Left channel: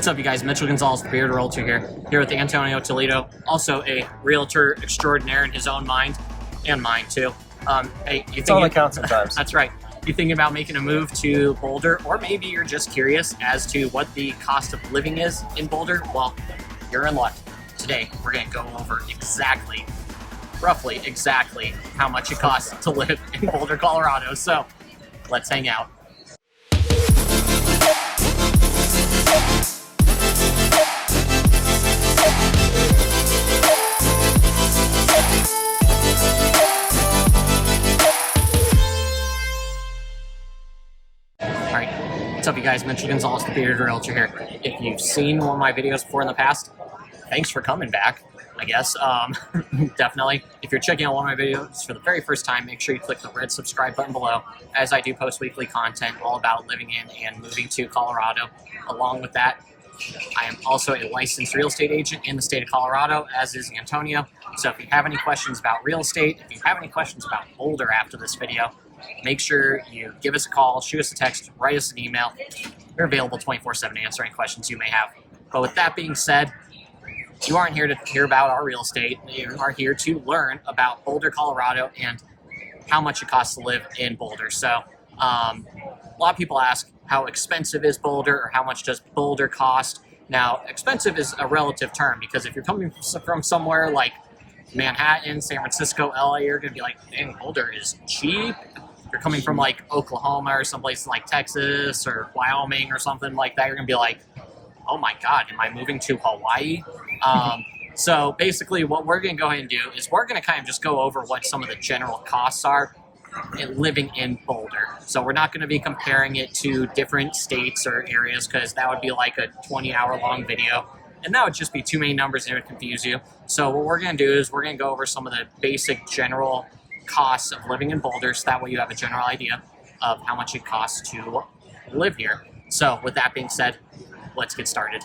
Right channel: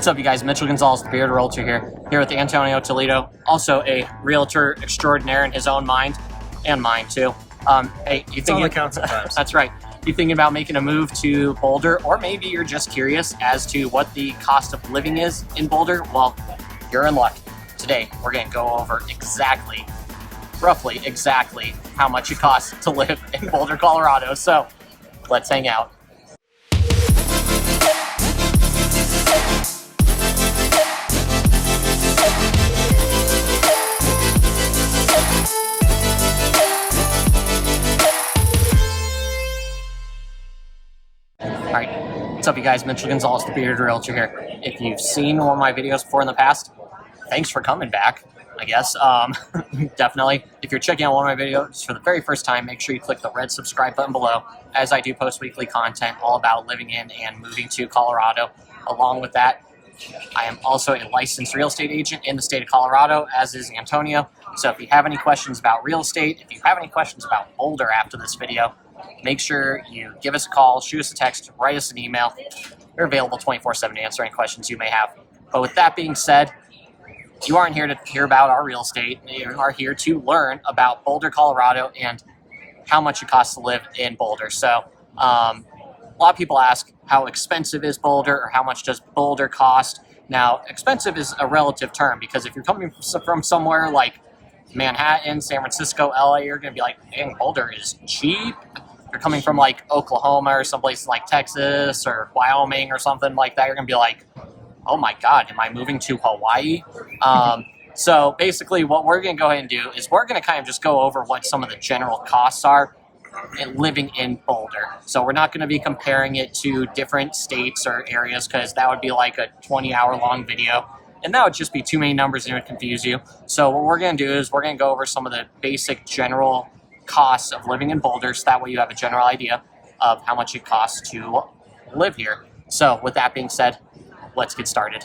What's up, you guys? Mitchell Gonzalez, the Bearded Realtor here with Antonio Toledo, also a realtor extraordinaire in his own mind, and mine too. Hey, it's all that counts sometimes. That's right. You thinking about making a move to Boulder, or maybe you're just curious as to what the cost of living is in Boulder? Well, you're in luck. Today, we're going to go over roughly exactly how much it costs to live in Boulder, Colorado. So let's hang out. Alright, what's up, you guys? Mitchell Gonzalez, the Bearded Realtor here. If you've seen one of my videos before in the past, thanks for coming back, I guess. Definitely. If you're checking out one of my videos for the very first time, make sure you click the red subscribe button below, as I do post weekly content all about living in and moving to Colorado. Along with that, I am also a licensed real estate agent in the state of Colorado, as is Antonio. So if you have any questions about real estate, if you have any questions about Boulder after this video, make sure you give us a call, shoot us a text, write us an email. We're available 24/7 to answer any questions you may have. But with that being said, you aren't here to hear about our real estate. You are here to learn about Boulder, Colorado, and how much it costs to live in Boulder. So a lot of people ask, how expensive is Boulder, or how much does Boulder cost? Now, expensive is a relative term, because if you're coming from somewhere like Manhattan, San Francisco, LA, you're going to be like, dang, Boulder is cheap. If you're coming from like Oklahoma or someplace like Texas or Wyoming or something like that, you're going to be like, oh my God, am I moving to Hawaii? So basically what we're going to go ahead and do is we're going to kind of just go over what some of the general costs are in living in Boulder. So we're not going to be comparing it to different states or areas, because that would be like a 20-hour long video. And that would just be too many numbers and it would confuse you. So what we're going to do is we're going to go over some of the basic general costs of living in Boulder, so that way you have a general idea of how much it costs to live here. So with that being said, let's get started.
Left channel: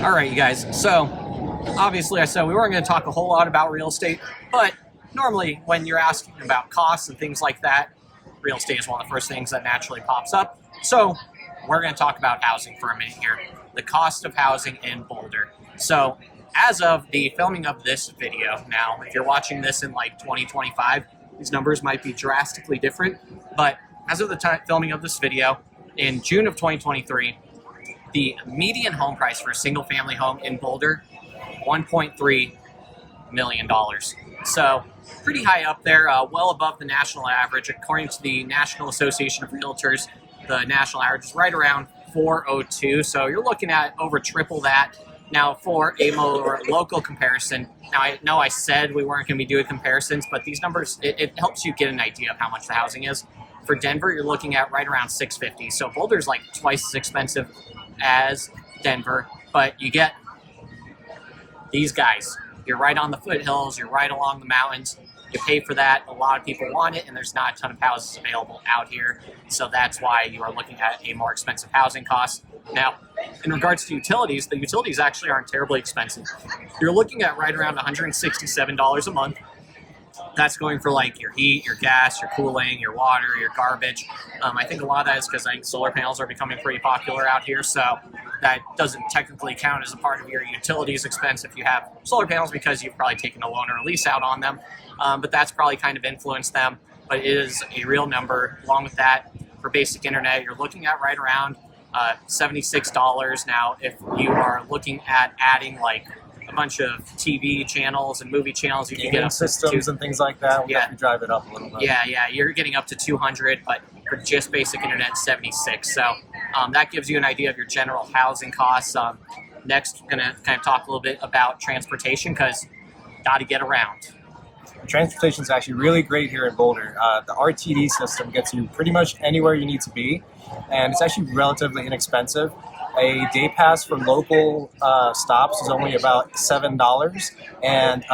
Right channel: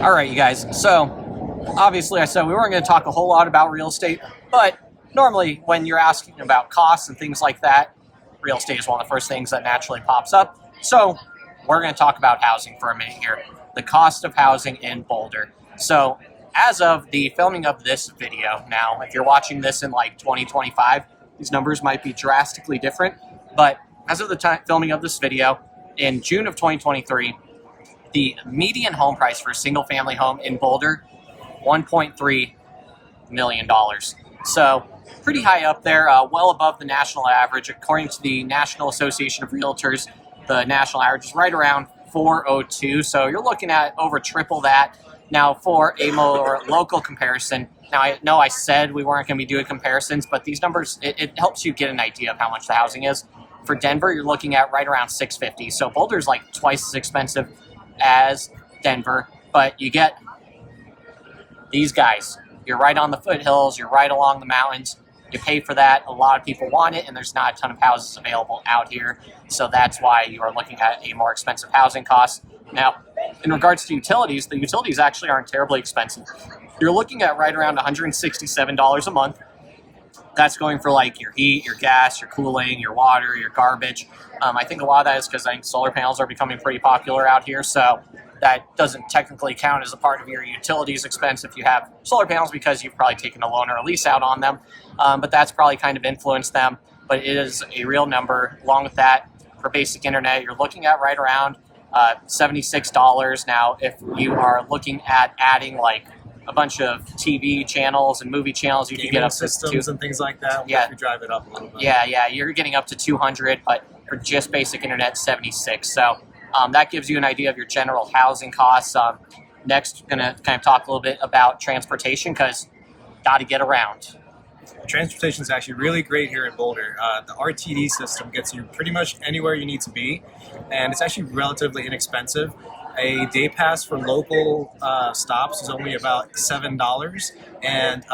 All right, you guys. So obviously I said we weren't going to talk a whole lot about real estate, but normally when you're asking about costs and things like that, real estate is one of the first things that naturally pops up. So we're going to talk about housing for a minute here. The cost of housing in Boulder. So as of the filming of this video, now if you're watching this in like 2025, these numbers might be drastically different, but as of the time filming of this video, in June of 2023, the median home price for a single family home in Boulder, $1.3 million. So pretty high up there, well above the national average. According to the National Association of Realtors, the national average is right around 402. So you're looking at over triple that. Now, for a more local comparison, now I know I said we weren't going to be doing comparisons, but these numbers, it helps you get an idea of how much the housing is. For Denver, you're looking at right around $650. So Boulder's like twice as expensive as Denver, but you get these guys. You're right on the foothills, you're right along the mountains. You pay for that. A lot of people want it, and there's not a ton of houses available out here. So that's why you are looking at a more expensive housing cost. Now, in regards to utilities, the utilities actually aren't terribly expensive. You're looking at right around $167 a month. That's going for like your heat, your gas, your cooling, your water, your garbage. I think a lot of that is because I think solar panels are becoming pretty popular out here. So that doesn't technically count as a part of your utilities expense if you have solar panels, because you've probably taken a loan or a lease out on them. But that's probably kind of influenced them. But it is a real number. Along with that, for basic internet, you're looking at right around $76. Now, if you are looking at adding like a bunch of TV channels and movie channels, you can get up to systems and things like that. Yeah, we drive it up a little bit. Yeah, you're getting up to 200, but for just basic internet, 76. So that gives you an idea of your general housing costs. Next, we're going to kind of talk a little bit about transportation, because got to get around. Transportation is actually really great here in Boulder. The RTD system gets you pretty much anywhere you need to be, and it's actually relatively inexpensive. A day pass for local stops is only about $7, and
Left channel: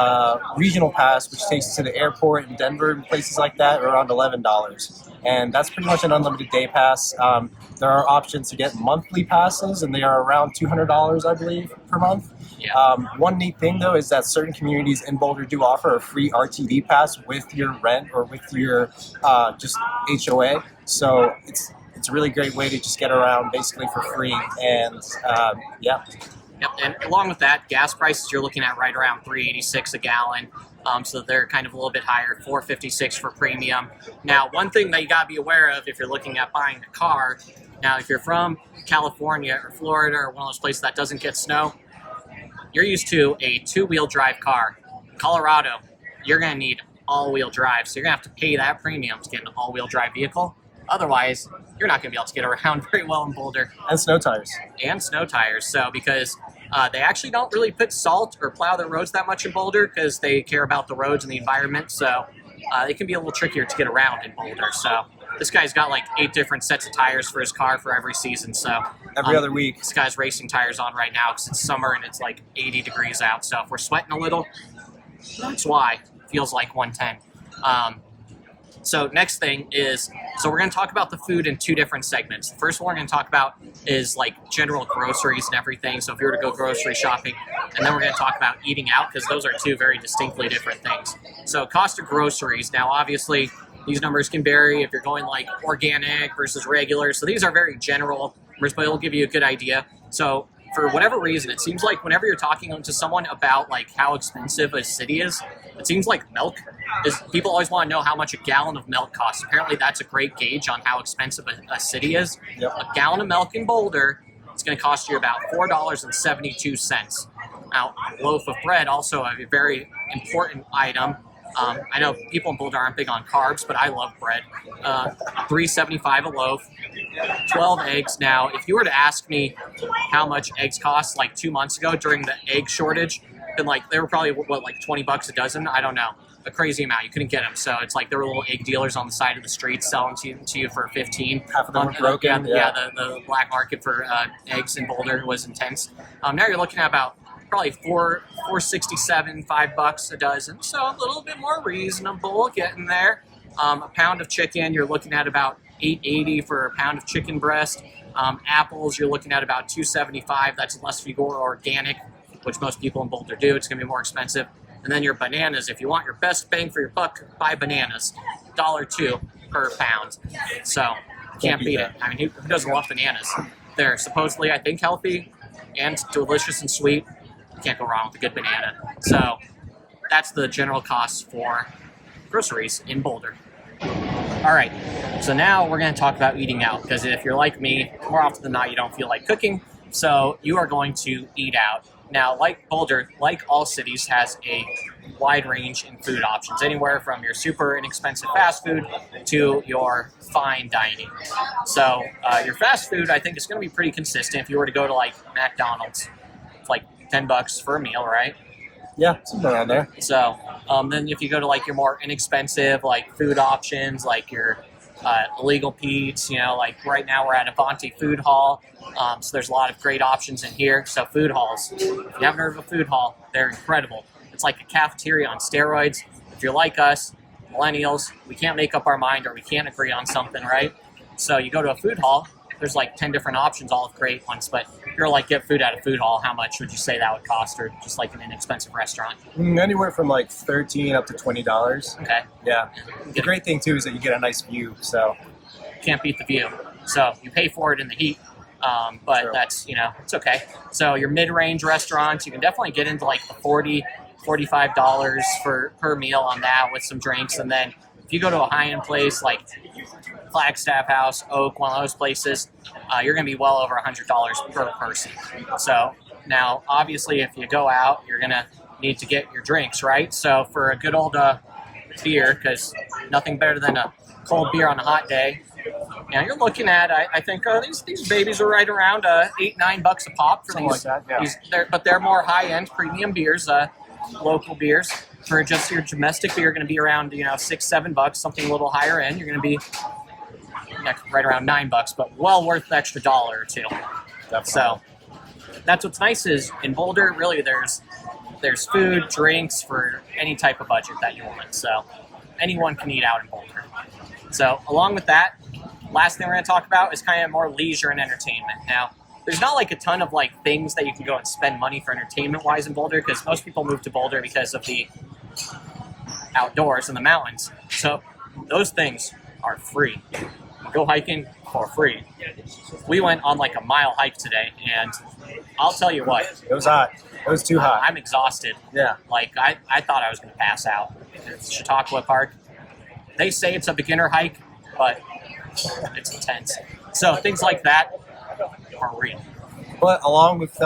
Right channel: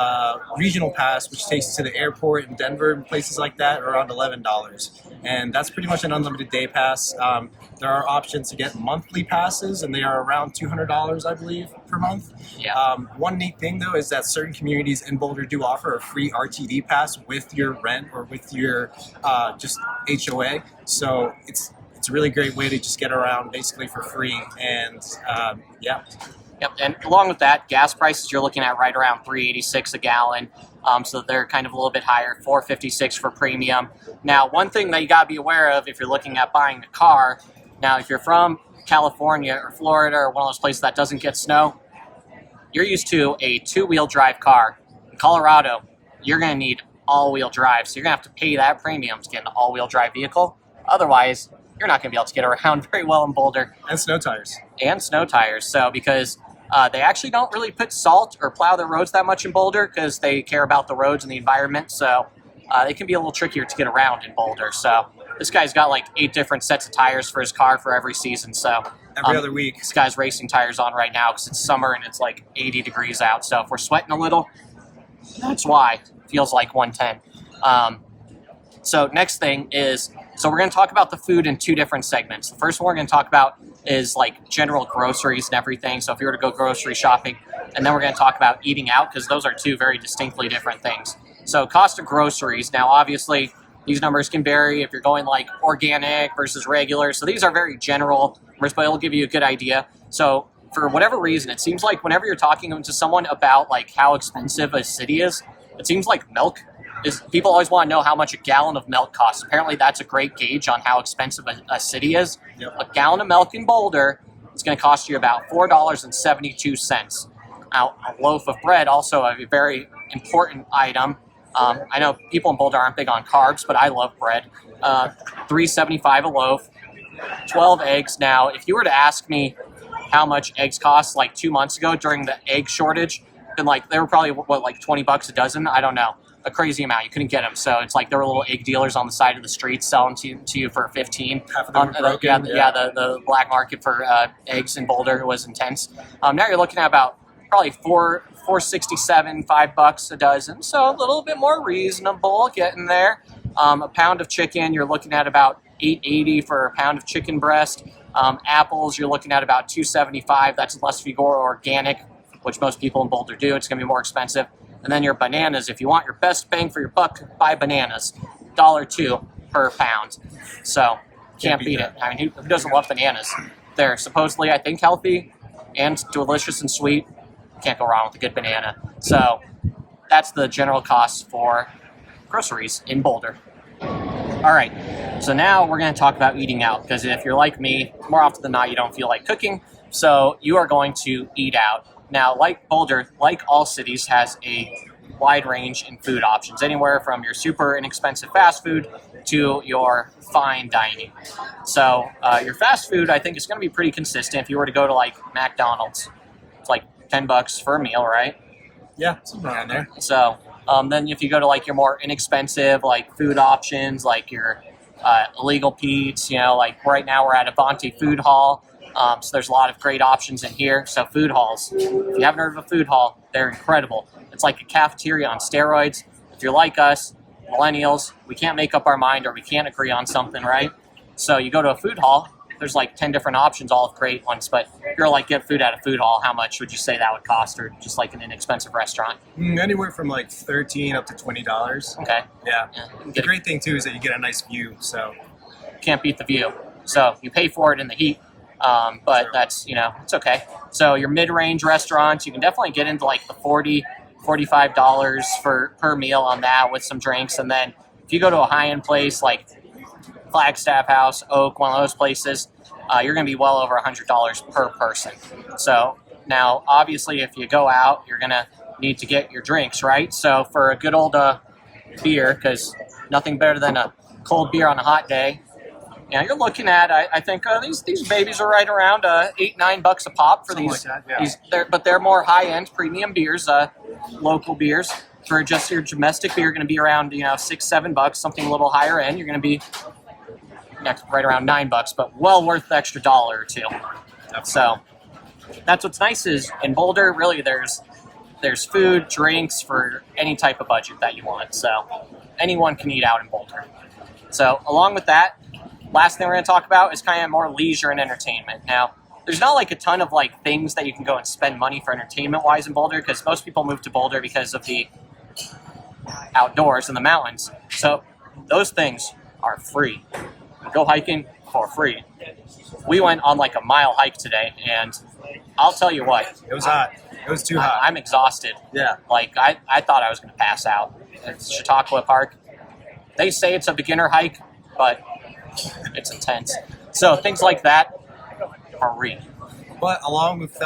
regional pass, which takes you to the airport in Denver and places like that, are around $11. And that's pretty much an unlimited day pass. There are options to get monthly passes, and they are around $200, I believe, per month. Yeah. One neat thing, though, is that certain communities in Boulder do offer a free RTD pass with your rent or with your just HOA. So it's it's a really great way to just get around basically for free. And yeah. Yep, and along with that, gas prices you're looking at right around $3.86 a gallon. So they're kind of a little bit higher, $4.56 for premium. Now, one thing that you got to be aware of if you're looking at buying a car, now if you're from California or Florida or one of those places that doesn't get snow, you're used to a two-wheel drive car. In Colorado, you're going to need all-wheel drive, so you're going to have to pay that premium to get an all-wheel drive vehicle. Otherwise, you're not going to be able to get around very well in Boulder. And snow tires. And snow tires. So because they actually don't really put salt or plow their roads that much in Boulder because they care about the roads and the environment. So it can be a little trickier to get around in Boulder. So this guy's got like 8 different sets of tires for his car for every season. So every other week. This guy's racing tires on right now because it's summer and it's like 80 degrees out. So if we're sweating a little, that's why. It feels like 110. So next thing is, so we're going to talk about the food in 2 different segments. The first one we're going to talk about is like general groceries and everything. So if you were to go grocery shopping, and then we're going to talk about eating out because those are 2 very distinctly different things. So cost of groceries. Now, obviously, these numbers can vary if you're going like organic versus regular. So these are very general numbers, but it'll give you a good idea. So for whatever reason, it seems like whenever you're talking to someone about like how expensive a city is, it seems like milk is, people always want to know how much a gallon of milk costs. Apparently that's a great gauge on how expensive a city is. Yep. A gallon of milk in Boulder is going to cost you about $4.72. Now, a loaf of bread, also a very important item. I know people in Boulder aren't big on carbs, but I love bread. $3.75 a loaf, 12 eggs. Now, if you were to ask me how much eggs cost like 2 months ago during the egg shortage, then like they were probably what, like $20 a dozen. I don't know, a crazy amount. You couldn't get them, so it's like there were little egg dealers on the side of the street selling to you for 15. Half of them were broken. The black market for eggs in Boulder was intense. Now you're looking at about probably $4.67, $5 a dozen, so a little bit more reasonable, getting there. A pound of chicken, you're looking at about $8.80 for a pound of chicken breast. Apples, you're looking at about $2.75. That's unless if you go organic, which most people in Boulder do. It's going to be more expensive. And then your bananas, if you want your best bang for your buck, buy bananas. $1.02 per pound. So can't beat it. I mean, who doesn't love bananas? They're supposedly, I think, healthy and delicious and sweet. Can't go wrong with a good banana. So that's the general cost for groceries in Boulder. All right, so now we're going to talk about eating out, because if you're like me, more often than not, you don't feel like cooking, so you are going to eat out. Now, like Boulder, like all cities, has a wide range in food options, anywhere from your super inexpensive fast food to your fine dining. So your fast food, I think, is going to be pretty consistent. If you were to go to like McDonald's, it's like $10 for a meal, right? Yeah, something around there. So then if you go to like your more inexpensive like food options, like your illegal Pete's, you know, like right now we're at Avanti Food Hall. So there's a lot of great options in here. So food halls, if you haven't heard of a food hall, they're incredible. It's like a cafeteria on steroids. If you're like us, millennials, we can't make up our mind, or we can't agree on something, right? So you go to a food hall, there's like 10 different options, all great ones. But if you're like, get food at a food hall, how much would you say that would cost, or just like an inexpensive restaurant? Anywhere from like $13 up to $20. Okay. Yeah. The great thing too is that you get a nice view, so can't beat the view. So you pay for it in the heat. But True. That's, you know, it's okay. So your mid-range restaurants, you can definitely get into like the $40, $45 per meal on that with some drinks. And then if you go to a high-end place like Flagstaff House, Oak, one of those places, you're going to be well over $100 per person. So now, obviously, if you go out, you're going to need to get your drinks, right? So for a good old beer, because nothing better than a cold beer on a hot day, now you're looking at, I think these babies are right around $8, $9 a pop for something these. like that, yeah. But they're more high-end premium beers, local beers. For just your domestic beer, going to be around $6, $7. Something a little higher end, you're going to be right around $9, but well worth the extra $1 or $2. Definitely. So that's what's nice is in Boulder, really there's food, drinks for any type of budget that you want. So anyone can eat out in Boulder. So along with that, last thing we're going to talk about is kind of more leisure and entertainment. Now, there's not like a ton of like things that you can go and spend money for entertainment-wise in Boulder, because most people move to Boulder because of the outdoors and the mountains. So those things are free. Go hiking, for free. We went on like a mile hike today, and I'll tell you what, It was hot. It was too hot. I'm exhausted. Yeah. Like, I thought I was going to pass out. It's Chautauqua Park. They say it's a beginner hike, but it's intense. So things like that are real. But along with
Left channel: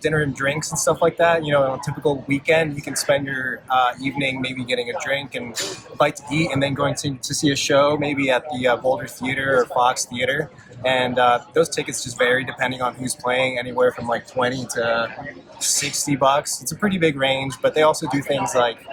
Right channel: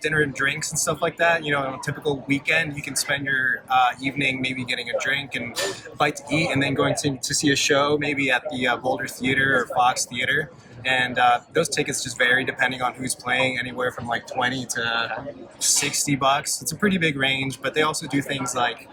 dinner and drinks and stuff like that, on a typical weekend, you can spend your evening maybe getting a drink and a bite to eat, and then going to see a show maybe at the Boulder Theater or Fox Theater. And those tickets just vary depending on who's playing, anywhere from like $20 to $60. It's a pretty big range, but they also do things like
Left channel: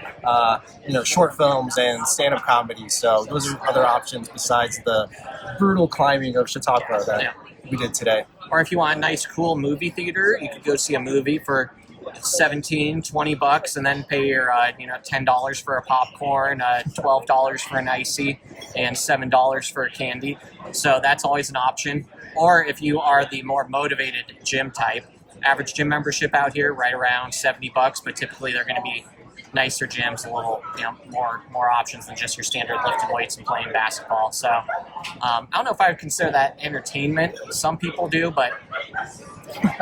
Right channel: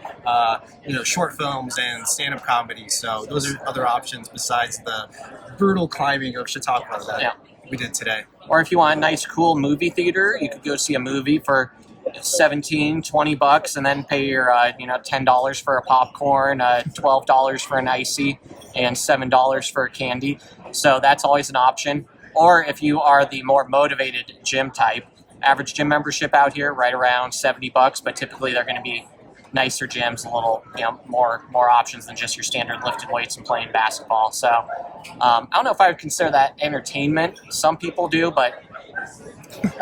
short films and stand-up comedy. So those are other options besides the brutal climbing of Chautauqua that we did today. Or if you want a nice, cool movie theater, you could go see a movie for $17-20 and then pay your $10 for a popcorn, $12 for an icy, and $7 for a candy. So that's always an option. Or if you are the more motivated gym type, average gym membership out here right around $70, but typically they're going to be nicer gyms, a little more options than just your standard lifting weights and playing basketball. So I don't know if I would consider that entertainment. Some people do, but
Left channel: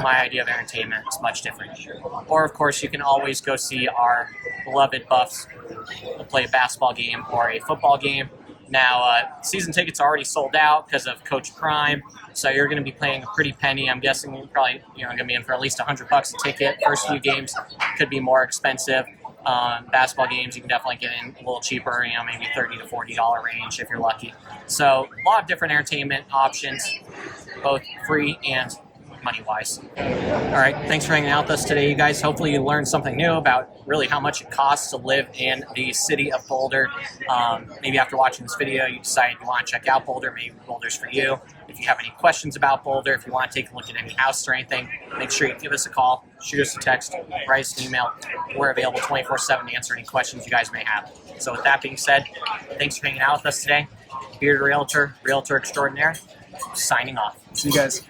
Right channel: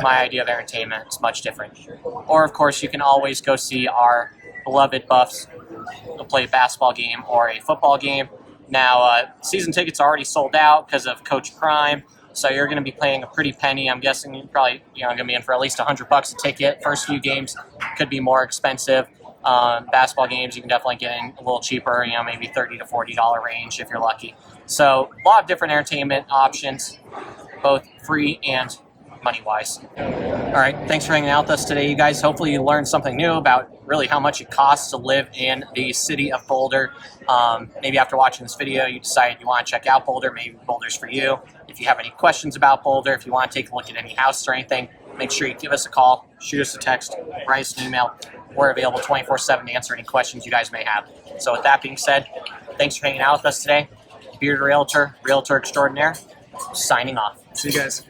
my idea of entertainment is much different. Or of course you can always go see our beloved Buffs play a basketball game or a football game. Now season tickets are already sold out because of Coach Prime, so you're going to be paying a pretty penny. I'm guessing you're probably going to be in for at least $100 a ticket. First few games could be more expensive. Basketball games you can definitely get in a little cheaper, maybe $30 to $40 range if you're lucky. So a lot of different entertainment options, both free and money-wise. All right, thanks for hanging out with us today, you guys. Hopefully you learned something new about really how much it costs to live in the city of Boulder. Maybe after watching this video, you decided you want to check out Boulder. Maybe Boulder's for you. If you have any questions about Boulder, if you want to take a look at any house or anything, make sure you give us a call, shoot us a text, write us an email. We're available 24/7 to answer any questions you guys may have. So with that being said, thanks for hanging out with us today. Bearded Realtor, Realtor Extraordinaire, signing off. See you guys.